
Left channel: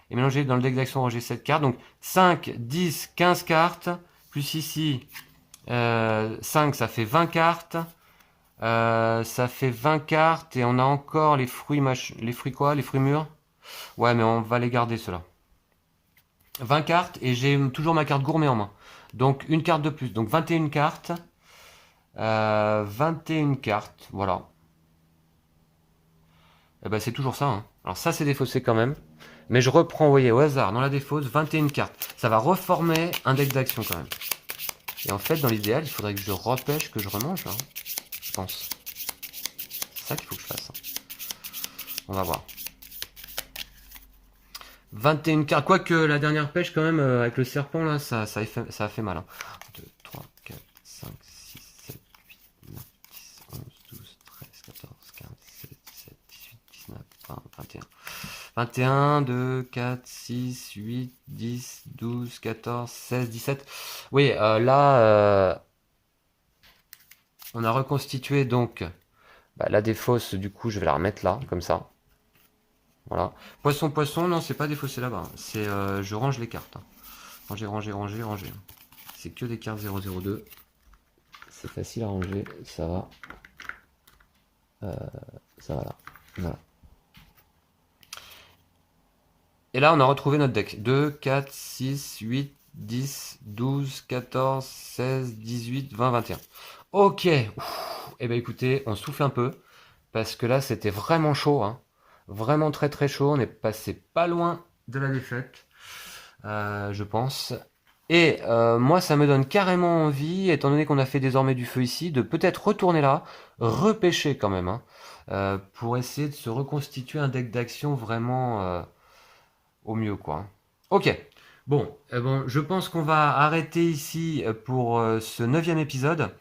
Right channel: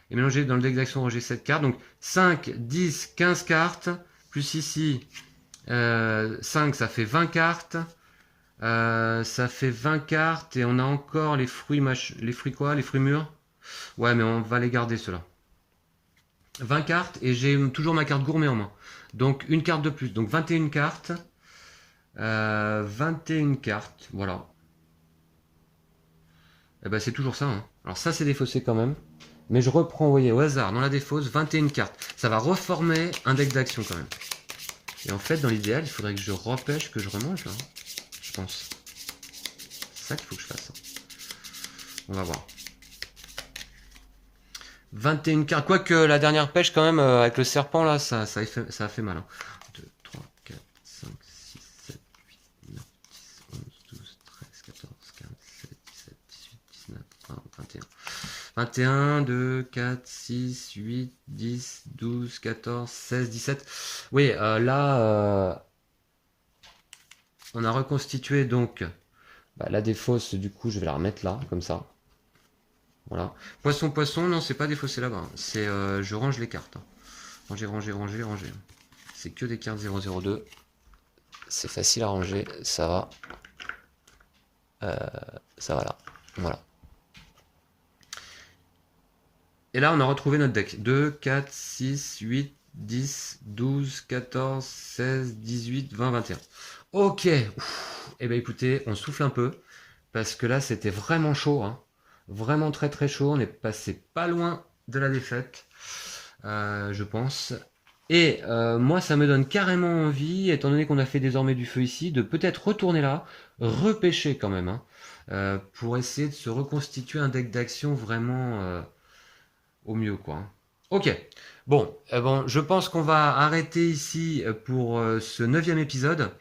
Et mélangez dans le deck d'action, rangez 7 cartes. Donc 5, 10, 15 cartes. Plus ici, 5, ça fait 20 cartes. Ça fait 20 cartes. Et on a encore les fruits, les fruits quoi? Les fruits mûrs? Ouais, mais on va les garder ceux-là. 20 cartes et j'ai toujours ma carte gourmet en main. Donc une carte de plus. Donc 21 cartes. 21 cartes. Voilà. Et ben c'est toujours ça. Hein. Alors ça c'est défaussé quand même. Mais je reprends, vous voyez, au hasard, dans la défausse, 21 cartes. Ça va reformer un deck d'action quand même. Et en fait, dans l'idéal, il faudrait que je repêche, que je remange, là. Je pense. ça qu'il faut que je fasse. On va voir. 21 cartes. Quoique la dernière pêche, quand même, avec le serpent, là, ça a fait mal. 2, 3, 4, 5, 6, 7, 8, 9, 10, 11, 12, 13, 14, 15, 16, 17, 18, 19, 20, 21. 21, 2, 4, 6, 8, 10, 12, 14, 16, 17. Oui, là, on a reconstitué donc la défausse. Du coup, je vais la remettre là, comme ça. Voilà. Poisson, poisson, non, c'est pas défaussé là-bas. C'est je range les cartes. Ranger, ranger, ranger, ranger. C'est que des cartes 002. C'est facile à ranger, ça va. Ça va là. Voilà. Et là, on a retrouvé notre deck. 2, 4, 6, 8, 10, 12, 14, 16, 18, 20, 21. Ok. Et bien écoutez, on souffle un peu. Parce que là, c'était vraiment chaud. Hein. Vraiment très très chaud. On est passé pas loin de la défaite. Je pense. Et moi, ça me donne carrément envie, étant donné qu'on a fait désormais du feu ici, de peut-être retourner là, repêcher quand même. Hein, pour essayer de se reconstituer un deck d'action vraiment... au mieux, quoi. Ok. Bon, je pense qu'on va arrêter ici pour ce 9e épisode.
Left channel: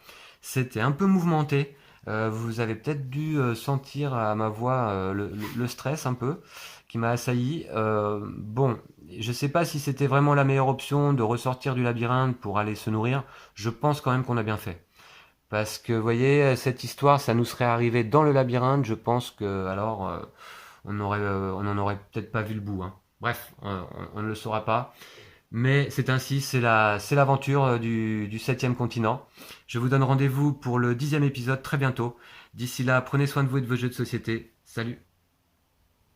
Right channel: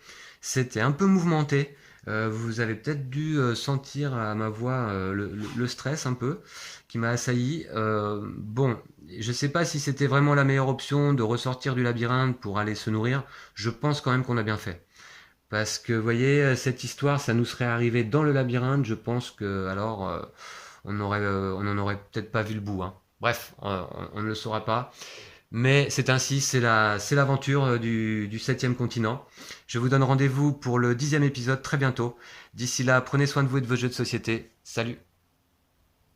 C'était un peu mouvementé. Vous avez peut-être dû sentir à ma voix le stress un peu qui m'a assailli. Bon, je sais pas si c'était vraiment la meilleure option de ressortir du labyrinthe pour aller se nourrir. Je pense quand même qu'on a bien fait. Parce que, vous voyez, cette histoire, ça nous serait arrivé dans le labyrinthe. Je pense que, alors, on n'en aurait peut-être pas vu le bout. Hein. Bref, on ne le saura pas. Mais c'est ainsi, c'est l'aventure du 7e continent. Je vous donne rendez-vous pour le 10e épisode très bientôt. D'ici là, prenez soin de vous et de vos jeux de société. Salut!